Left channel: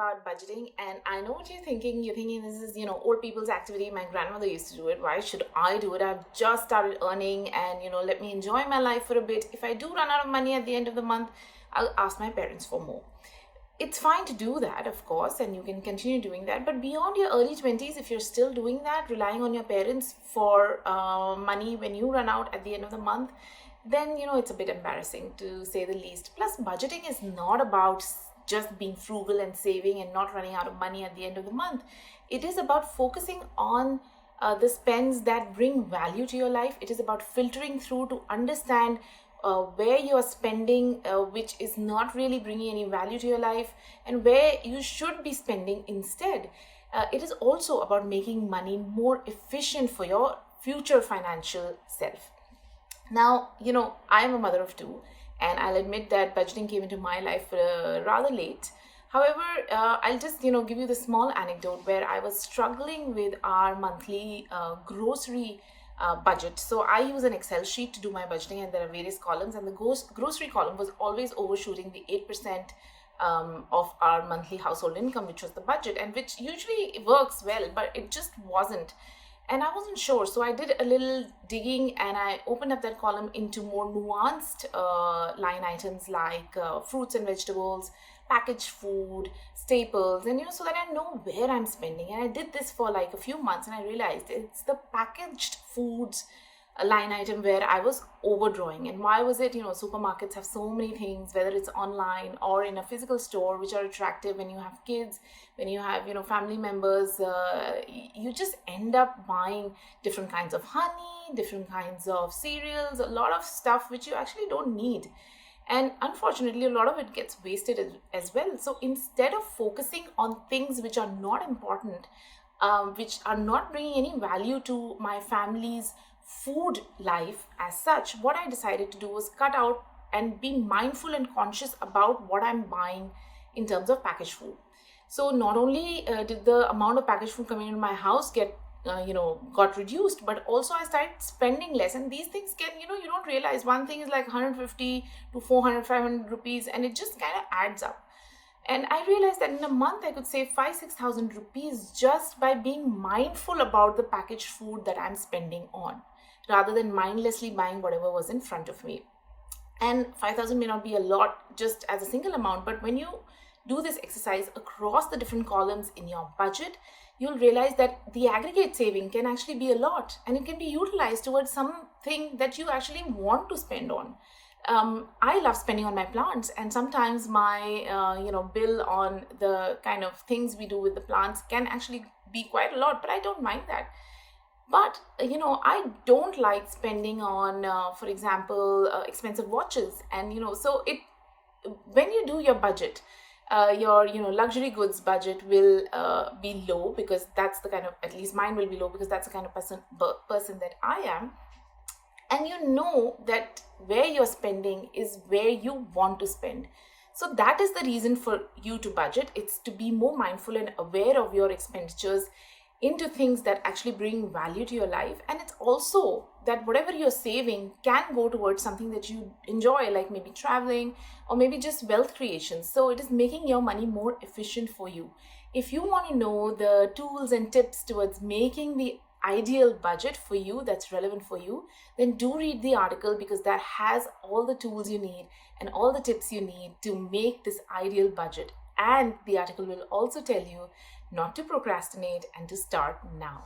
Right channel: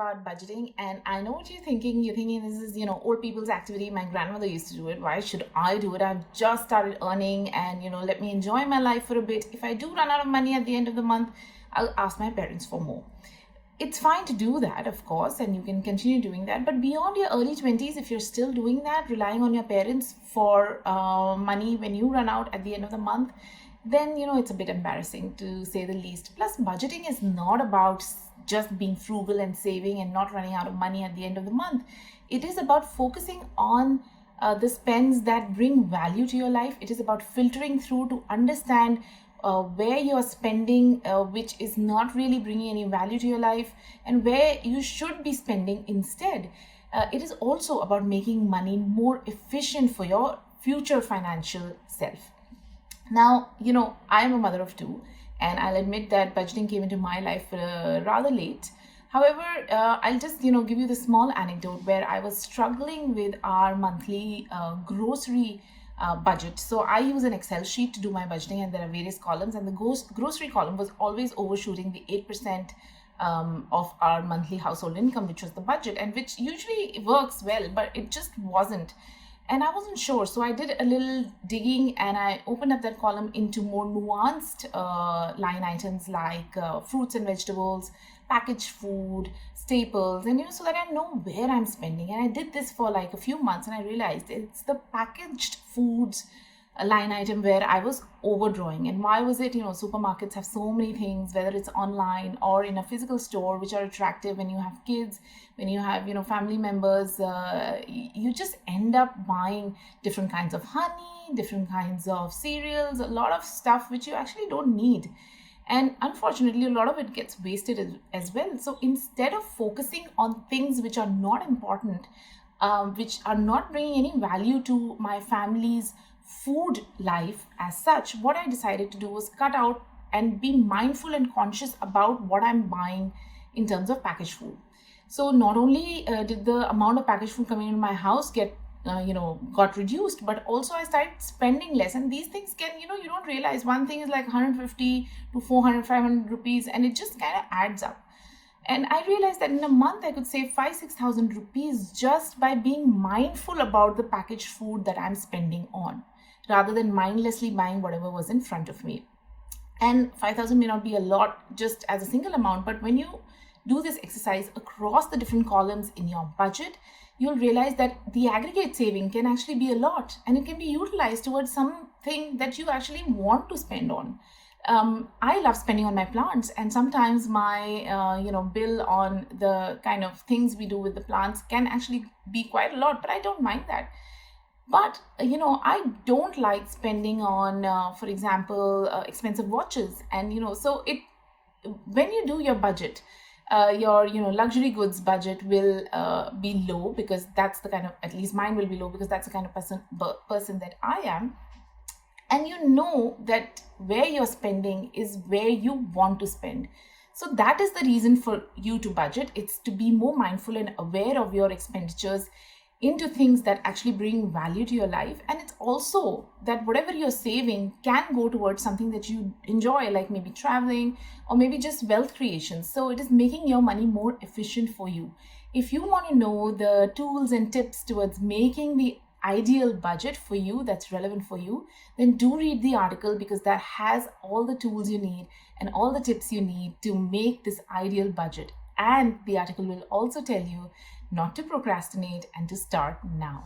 about budgeting. And I know what you're thinking. You're thinking this is, old people's activity. My grandmother used to do it. Why should I do it? I've just started earning and, let me enjoy my life for a bit. If I do run out of money at the end of the month, I'll ask my parents for more. It's fine to do that, of course, and you can continue doing that. But beyond your early 20s, if you're still doing that, relying on your parents for money when you run out at the end of the month, then it's a bit embarrassing to say the least. Plus, budgeting is not about just being frugal and saving and not running out of money at the end of the month. It is about focusing on the spends that bring value to your life. It is about filtering through to understand where you are spending, which is not really bringing any value to your life, and where you should be spending instead. It is also about making money more efficient for your future financial self. Now, I am a mother of two, and I'll admit that budgeting came into my life rather late. However, I'll just, give you the small anecdote where I was struggling with our monthly grocery budget. So I use an Excel sheet to do my budgeting, and there are various columns, and the grocery column was always overshooting the 8% of our monthly household income, which was the budget, and which usually works well, but it just wasn't. And I wasn't sure, so I did a little digging and I opened up that column into more nuanced line items like fruits and vegetables, packaged food, staples, and so that I know where I'm spending. And I did this for like a few months, and I realized it's the packaged foods line item where I was overdrawing. And why was it? Supermarkets have so many things, whether it's online or in a physical store, which are attractive when you have kids, when you have family members. You just end up buying different kinds of honey, different kinds of cereals, a lot of stuff which you actually don't need. And unfortunately, a lot of it gets wasted as well. So instead of focusing on things which are not important, which are not bringing any value to my family's food life as such, what I decided to do was cut out and be mindful and conscious about what I'm buying in terms of packaged food. So not only did the amount of packaged food coming into my house got reduced, but also I started spending less. And these things can, you don't realize one thing is like 150 to 400, 500 rupees, and it just kind of adds up. And I realized that in a month I could save 5,000-6,000 rupees just by being mindful about the packaged food that I'm spending on, rather than mindlessly buying whatever was in front of me. And 5,000 may not be a lot just as a single amount, but when you do this exercise across the different columns in your budget, you'll realize that the aggregate saving can actually be a lot, and it can be utilized towards something that you actually want to spend on. I love spending on my plants, and sometimes my bill on the kind of things we do with the plants can actually be quite a lot, but I don't mind that. But I don't like spending on, for example, expensive watches, and so it when you do your budget, your luxury goods budget will be low, because that's the kind of, at least mine will be low, because that's the kind of person that I am. And you know that where you're spending is where you want to spend. So that is the reason for you to budget. It's to be more mindful and aware of your expenditures into things that actually bring value to your life. And it's also that whatever you're saving can go towards something that you enjoy, like maybe traveling or maybe just wealth creation. So it is making your money more efficient for you. If you want to know the tools and tips towards making the ideal budget for you that's relevant for you, then do read the article, because that has all the tools you need and all the tips you need to make this ideal budget. And the article will also tell you not to procrastinate and to start now.